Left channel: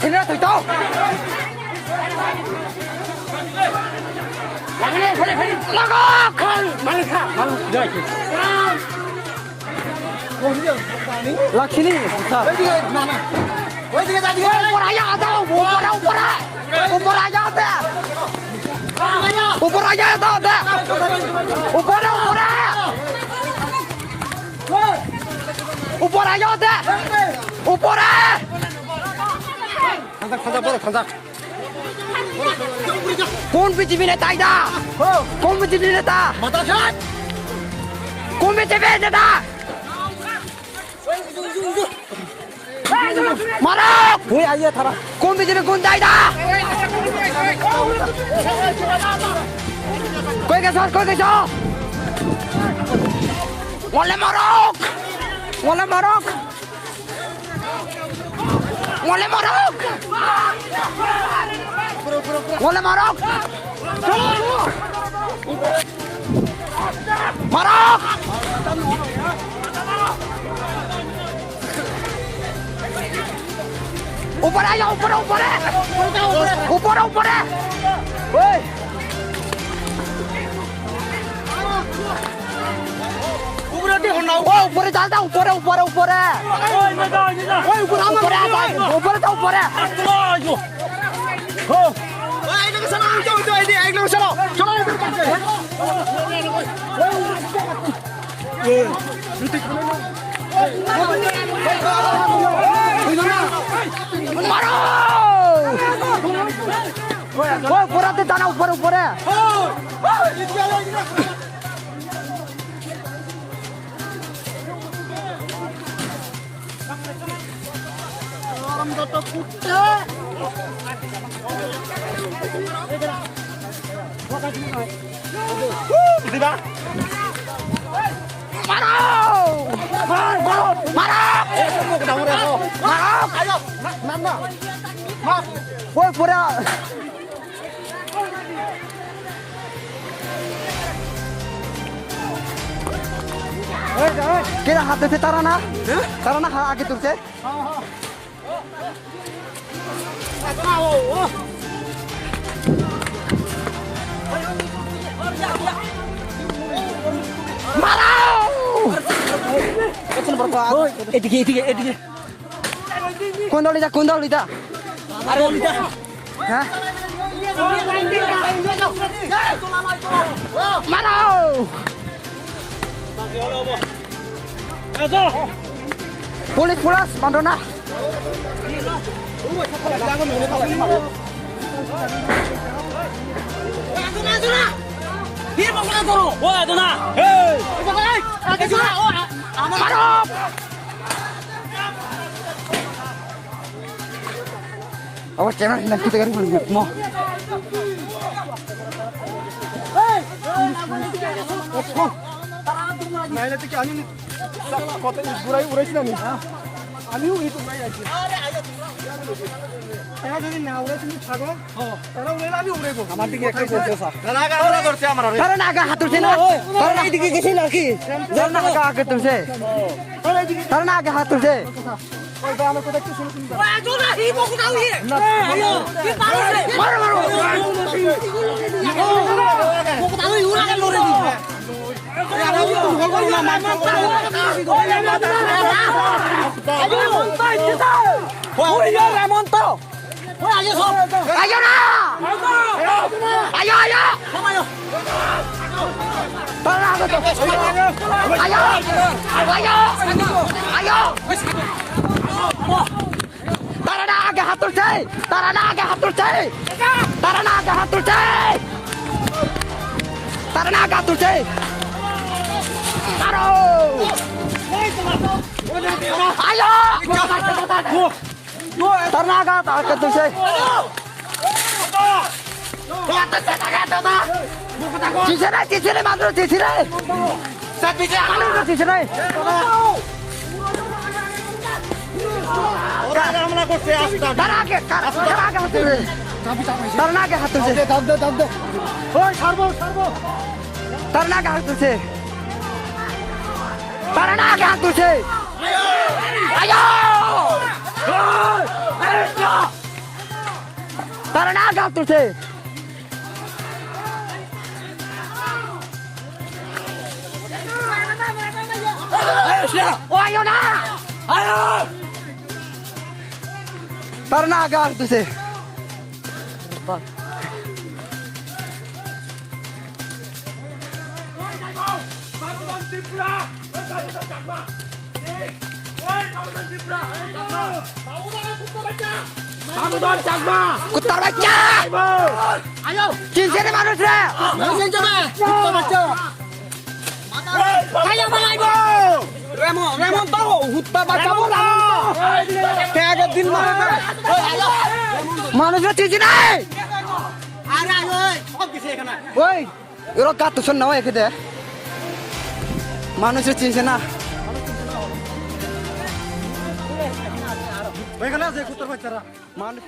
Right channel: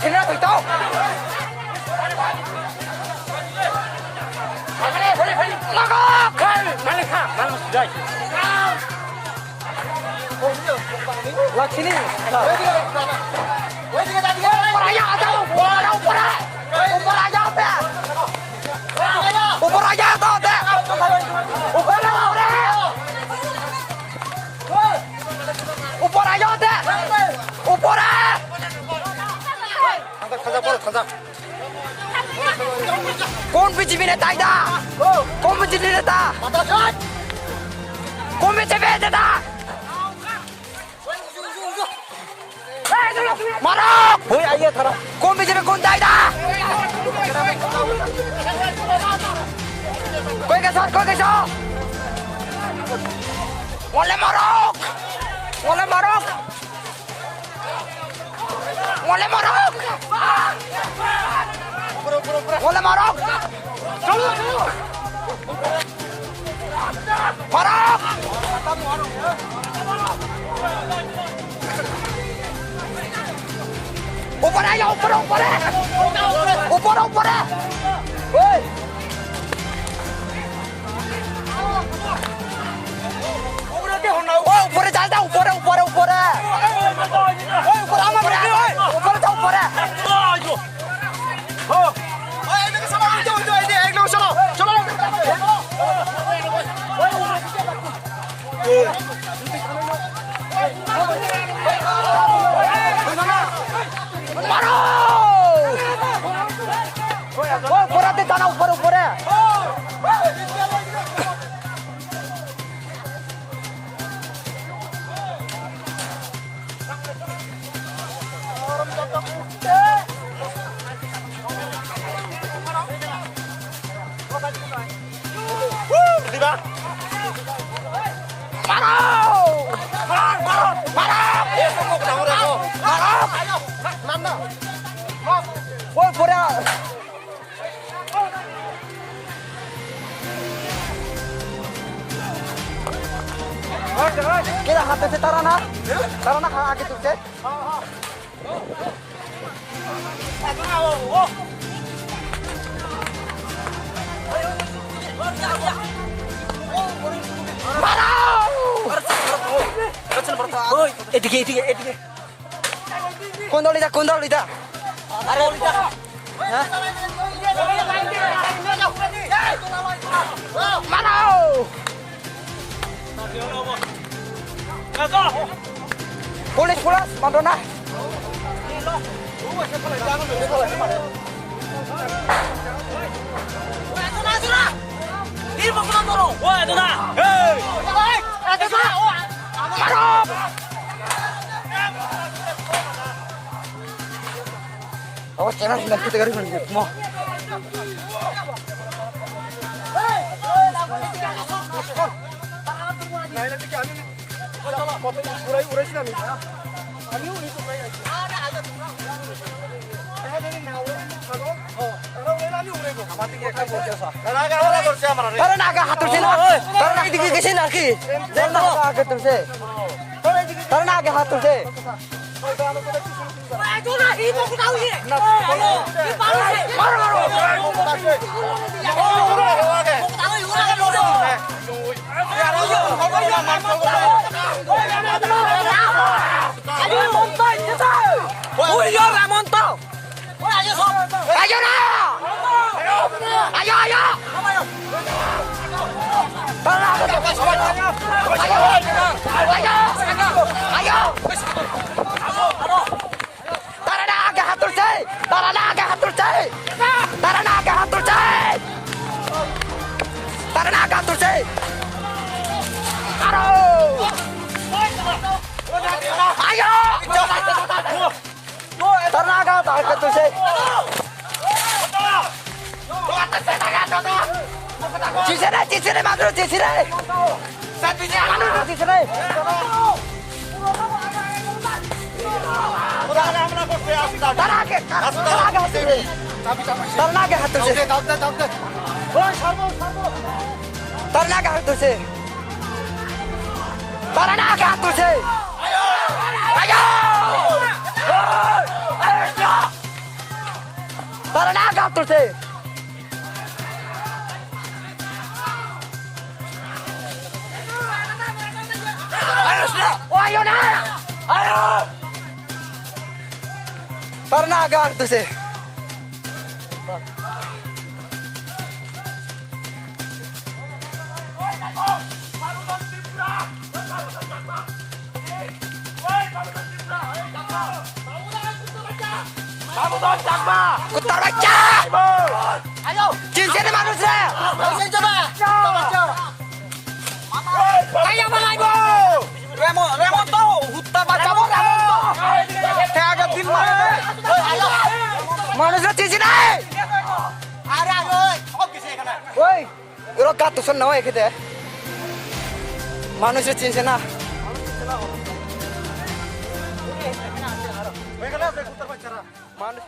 ছেলেরা তুই তো লাগা লাক্সিনি ऊपर आ जाओ ऊपर आ जाओ ऊपर आ जाओ ऊपर ऊपर आ जाओ ऊपर कौन बीजेपी नेता इधर कौन बीजेपी नेता कौन बीजेपी नेता मारो हुई आइए थारा कौन बीजेपी कौन दाइदा कोई कैसा वाले मारो वाले मारो वाले मारो वाले मारो मारो ऊपर आ जाओ ऊपर ओए ऊपर चलता ऊपर मारो ऊपर आते दाना ऊपर वो पूरा क्या हाथ से तारा ना आगे तुझसे এদিকে কোন দলিটা হ্যাঁ মারো পুলিশ মারো না Oh, cewek nanti kita garis mau. Nah, nanti kami kota urai sih nih. Kami itu main aja. Saya jadi nawa ini thagor. Karena urai lagi urai bo. Amar tige ekta bolche sa. Naga dorche amar. Karena naga hatur se na. Karena idige gesi na ki. Karena naga aage turse. Karena naga hatur se. ওই তো আমরা কোথায় কি শুরু করব ওই জোনা এই বকু দাও ই হ্যালো কি পারো মারো বকু দাও ইউরা লরে দি Tara na agak hatur say. Taro. Ayo. Tara na agak hatur say. Cicire madro cicire. Madro cicire. তার আগে হাত তুলছে তার আগে হাত তুলছে তারা না গা তুলছে আয়ো না আয়ো তারা না গা তুলছে কুত্তার বাচ্চা চিনছে নি মানুষ রে মানুষরা চিনছে নাই ওই এরা কাত শোন না এখানে মানুষরা চিনছে না ওইখানে আছে কুত্তার বাচ্চারা মানুষ